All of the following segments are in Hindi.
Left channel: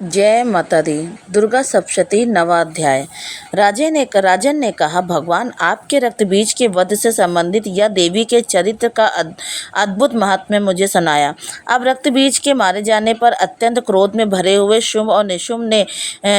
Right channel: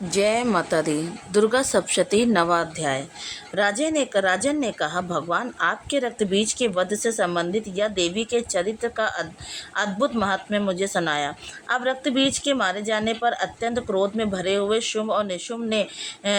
जय माता दी। दुर्गा सप्तशती नवा अध्याय। राजन ने कहा, भगवान, आपके रक्त बीज के वध से संबंधित यह देवी के चरित्र का अद्भुत महात्म्य मुझे सुनाया। अब रक्त बीज के मारे जाने पर अत्यंत क्रोध में भरे हुए शुंभ और निशुंभ ने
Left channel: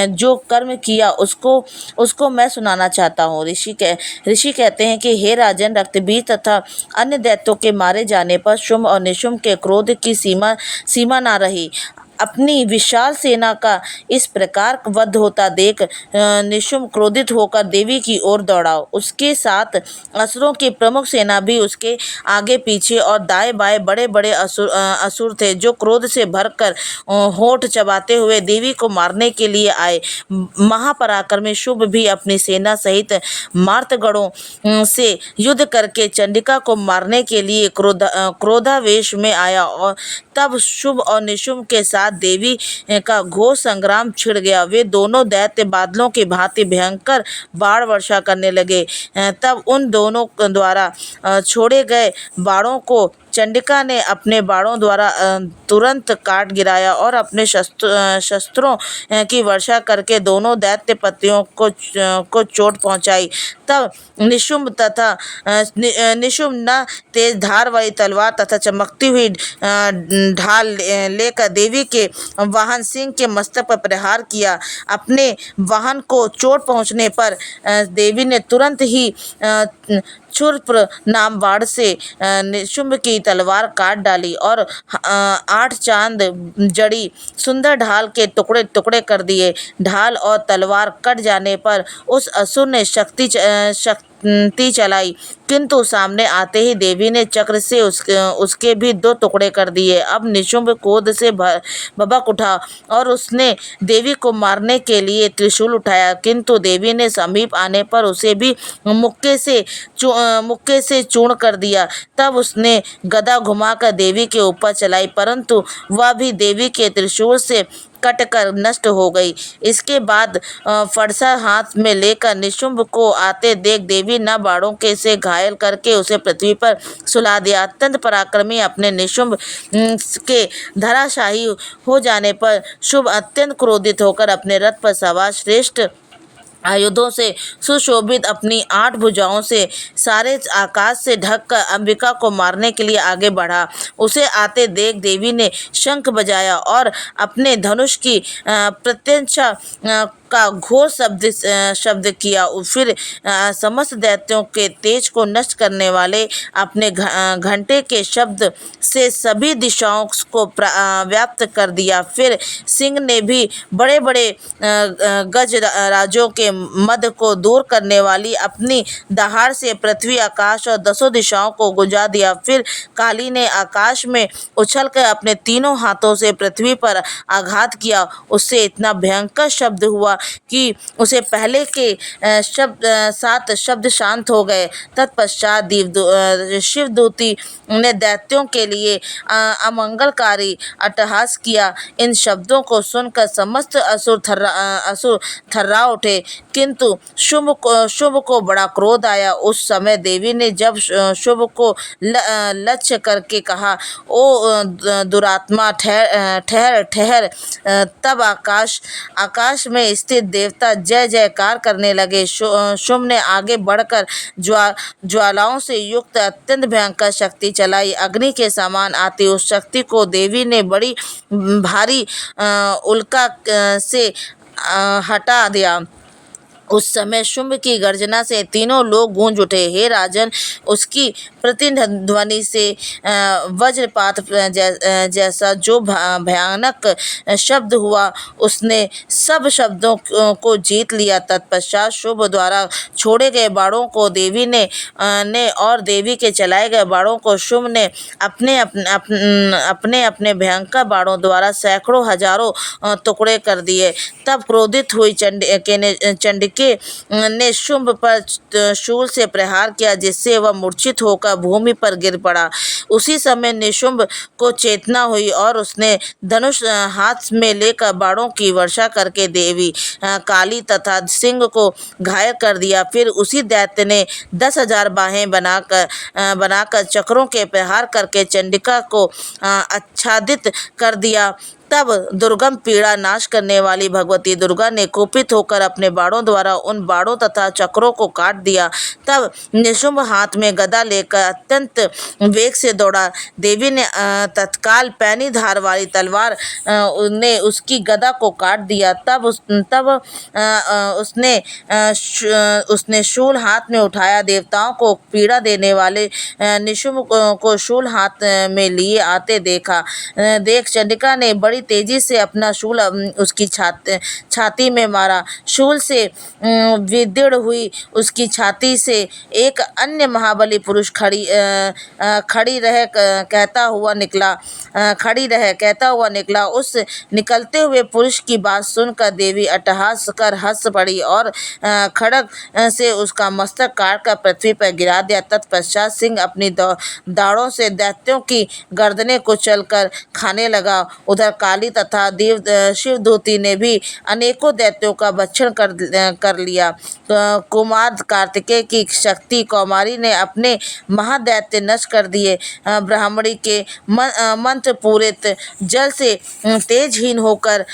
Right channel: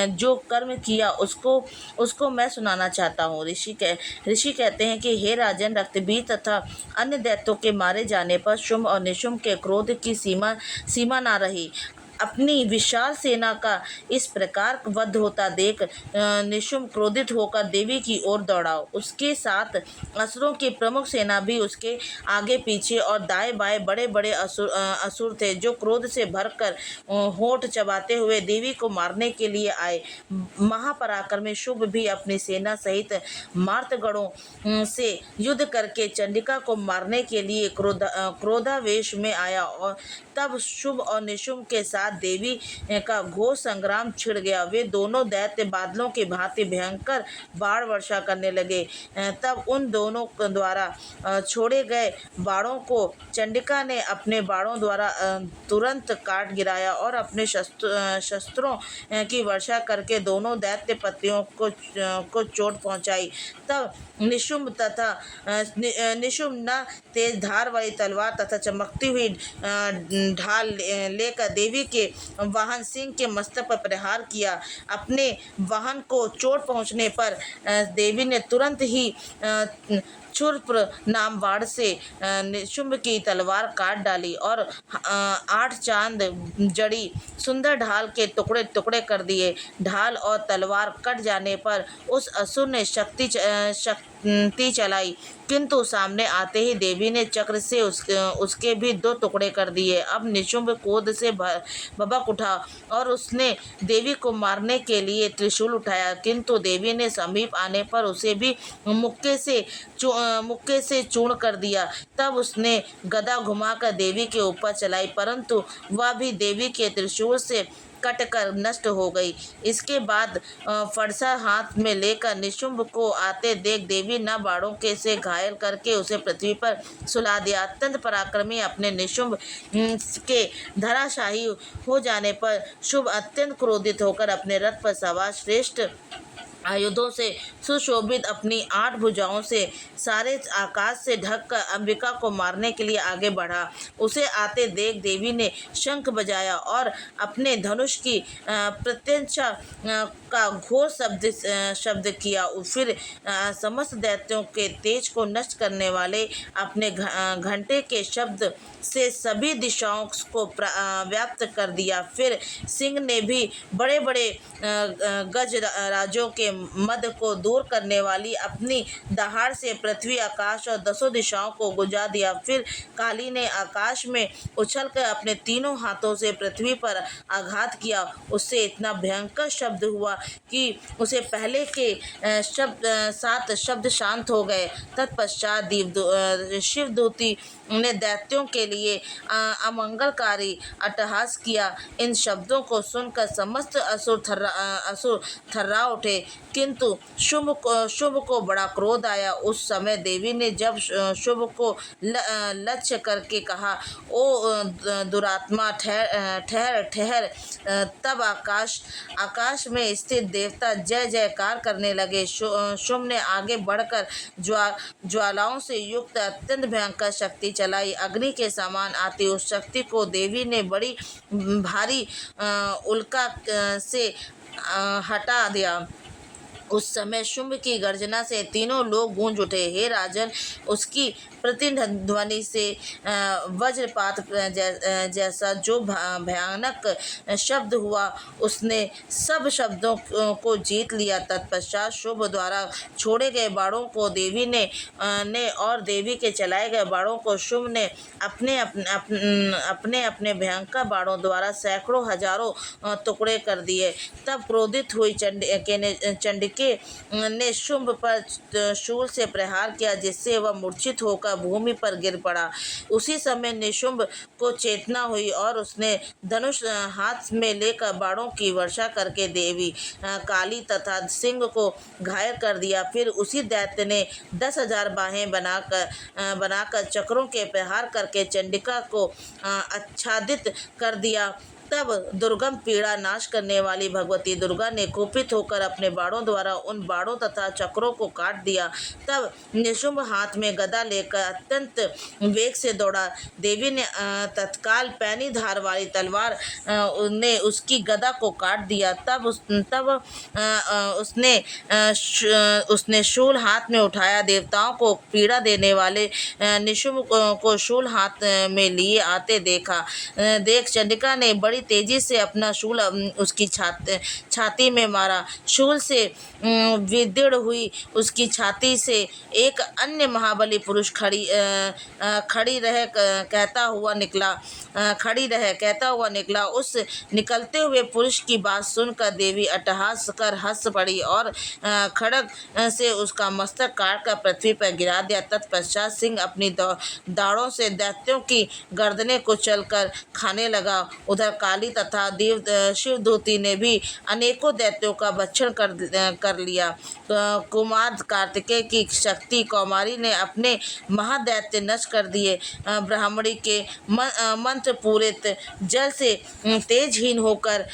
जो कर्म किया उसको मैं सुनाना चाहता हूँ। ऋषि कहते हैं कि हे राजन, रक्त बीज तथा अन्य दैत्यों के मारे जाने पर शुंभ और निशुंभ के क्रोध की सीमा ना रही। अपनी विशाल सेना का इस प्रकार वध होता देख निशुंभ क्रोधित होकर देवी की ओर दौड़ा। उसके साथ असुरों की प्रमुख सेना भी उसके आगे पीछे और दाएं बाएं बड़े बड़े असुर थे, जो क्रोध से भरकर होठ चबाते हुए देवी को मारने के लिए आए। महापराक्रमी शुंभ भी अपनी सेना सहित मार्तगणों से युद्ध करके चंडिका को मारने के लिए क्रोधावेश में आया, और तब शुंभ और निशुंभ के साथ देवी का घोर संग्राम छिड़ गया। वे दोनों दैत्य बादलों की भांति भयंकर बाण वर्षा करने लगे। तब उन दोनों द्वारा छोड़े गए बाणों को चंडिका ने अपने बाणों द्वारा तुरंत काट गिराया और अपने शस्त्रों की वर्षा करके दोनों दैत्य पतियों को चोट पहुंचाई। तब निशुंभ न तेज धार वाली तलवार तथा चमकती हुई ढाल लेकर देवी के वाहन सिंह के मस्तक पर प्रहार किया। अपने वाहन को चोट पहुंचने पर देवी ने तुरंत ही क्षुरप्र नाम बाण से निशुंभ की तलवार काट डाली और 8 चांद जड़ी सुंदर ढाल के टुकड़े टुकड़े कर दिए। ढाल और तलवार कट जाने पर उस असुर ने शक्ति चलाई, किंतु सामने आते ही देवी ने चक्र से उसके भी 2 टुकड़े कर दिए। अब निशुंभ क्रोध से भभक उठा और उसने देवी को मारने के लिए त्रिशूल उठाया, किंतु देवी ने समीप आने पर उसे भी मुक्के से चूर्ण कर दिया। तब उसने गदा घुमाकर देवी के ऊपर चलाई, परंतु वह भी देवी के त्रिशूल से कटकर नष्ट हो गई। इसके बाद फरसा हाथ में लेकर निशुंभ को आते देख देवी न बाणों के से घायल करके उसे पृथ्वी पर सुला दिया। अत्यंत पराक्रमी अपने निशुंभ के धराशायी हो जाने पर शुंभ अत्यंत क्रोधित होकर अपने रथ पर सवार श्रेष्ठ आयुधों से सुशोभित अपनी 8 भुजाओं से सारे आकाश से ढककर अंबिका को मारने के लिए आगे बढ़ा। उसे आते देख देवी ने शंख बजाया और अपने धनुष की प्रत्यंचा का घोर शब्द किया। फिर समस्त दैत्यों के तेज को नष्ट करने वाले अपने घंटे के शब्द से सभी दिशाओं को व्याप्त कर दिया। फिर सिंह ने भी बड़े बड़े गज राजों के मद को दूर करने वाली अपनी दहाड़ से पृथ्वी, आकाश और 10 दिशाओं को गुजा दिया। फिर काली ने आकाश में उछलकर अपने तीनों हाथों से पृथ्वी पर आघात किया। उससे इतना भयंकर शब्द हुआ कि उसे पहले के 7 शब्द शांत हो गए। तत्पश्चात शिवदूती ने दैत्यों के लिए अमंगलकारी अट्टहास किया। इन शब्दों को सुनकर समस्त असुर थर्रा उठे, किंतु शुंभ को बड़ा क्रोध आया। उस समय देवी ने जब शुंभ को लक्ष्य करके कहा, ओ दुरात्मा, ठहर ठहर। तब आकाश में स्थित देवता जय जयकार करने लगे। शुंभ ने आगे बढ़कर ज्वालाओं से युक्त अत्यंत भयंकर शक्ति चलाई। अग्नि के समान आती उस शक्ति को देवी ने बड़ी भारी उल्का से हटा दिया। उस समय शुंभ की गर्जना से तीनों लोग गूंज उठे। हे राजन, उसकी प्रतिध्वनि से वज्रपात जैसा जो भयानक शब्द हुआ, उसने सब शब्दों को जीत लिया। तत्पश्चात शुंभ द्वारा छोड़े गए बाणों को देवी ने और देवी के चलाए गए बाणों को शुंभ ने अपने भयंकर बाणों द्वारा सैकड़ों हजारों टुकड़े कर दिए। तब क्रोधित हुई चंडिके ने शुंभ पर शूल से प्रहार किया, जिससे वह मूर्छित होकर भूमि पर गिर पड़ा। उसी समय निशुंभ को चेतना हुई और उसने धनुष हाथ में लेकर बाणों की वर्षा करके देवी काली तथा सिंह को घायल कर दिया। फिर उसी दैत्य ने 10,000 बाहें बनाकर चक्रों के प्रहार करके चंडिका को आच्छादित कर दिया। तब दुर्गम पीड़ा नाश करने वाली भगवती दुर्गा ने कुपित होकर अपने बाणों द्वारा उन बाणों तथा चक्रों को काट दिया। तब निशुंभ हाथ में गदा लेकर अत्यंत वेग से दौड़ा। देवी ने तत्काल पैनी धार वाली तलवार ने उसकी गदा को काट दिया। तब उसने शूल हाथ में उठाया। देवताओं को पीड़ा देने वाले निशुंभ को शूल हाथ में लिए आते देखा। देख चंडिका ने बड़ी तेजी से अपना शूल उसकी छाती में मारा। शूल से विदीर्ण हुई उसकी छाती से एक अन्य महाबली पुरुष खड़ी रह कहता हुआ निकला। उस निकलते हुए पुरुष की बात सुनकर देवी अट्टहास कर हंस पड़ी और खड्ग से उसका मस्तक काट कर पृथ्वी पर गिरा दिया। तत्पश्चात सिंह अपनी दाढ़ों से दैत्यों की गर्दनें कुचलकर खाने लगा। उधर काली तथा शिवदूती ने भी अनेकों दैत्यों का भक्षण कर लिया। कुमार कार्तिकेय की शक्ति कौमारी ने अपने महादैत्य नष्ट कर दिए। ब्राह्मणी के मंत्र पूरित जल से तेजहीन होकर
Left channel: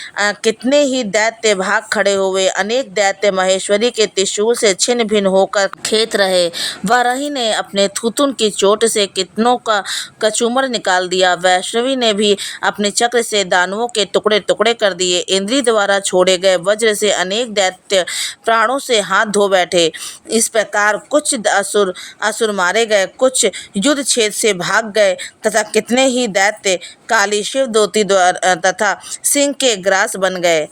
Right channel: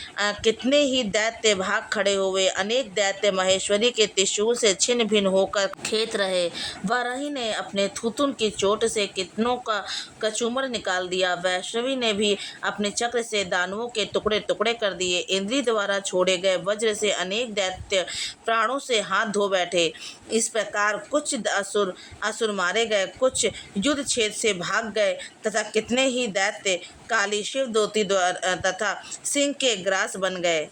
कितने ही दैत्य भाग खड़े हुए। अनेक दैत्य महेश्वरी के त्रिशूल से छिन्न भिन्न होकर खेत रहे। वाराही ने अपने थुथुन की चोट से कितनों का कचूमर निकाल दिया। वैष्णवी ने भी अपने चक्र से दानवों के टुकड़े टुकड़े कर दिए। इंद्री द्वारा छोड़े गए वज्र से अनेक दैत्य प्राणों से हाथ धो बैठे। इस प्रकार कुछ असुर मारे गए, कुछ युद्ध क्षेत्र से भाग गए तथा कितने ही दैत्य काली शिवदूती तथा सिंह के ग्रास बन गए।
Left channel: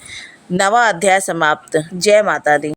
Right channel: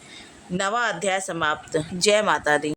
9वां अध्याय समाप्त। जय माता दी।